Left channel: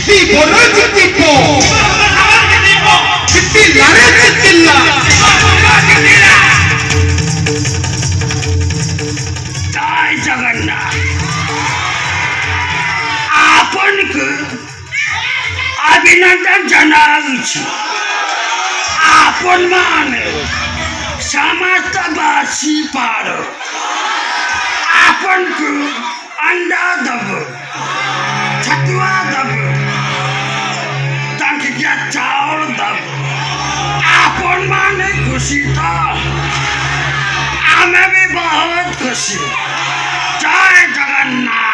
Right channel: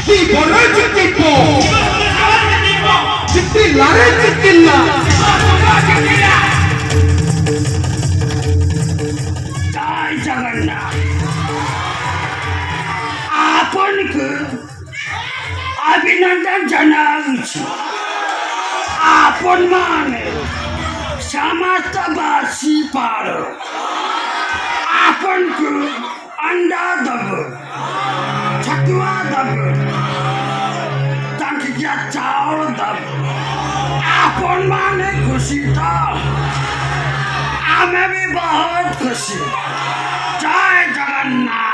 चिट्टी बोलो चिट्टी को चिट्टी लारे चिट्टी ला जय जगन्नाथ आपनको अभिनंदन जनावुछु आपन माने समस्तवासी पारो आपनको अंडा दबो छतुआ दबो टंकिया चावल दबो आपन माने खुशी था हमें भी बहुत खुशी जय जगन्नाथ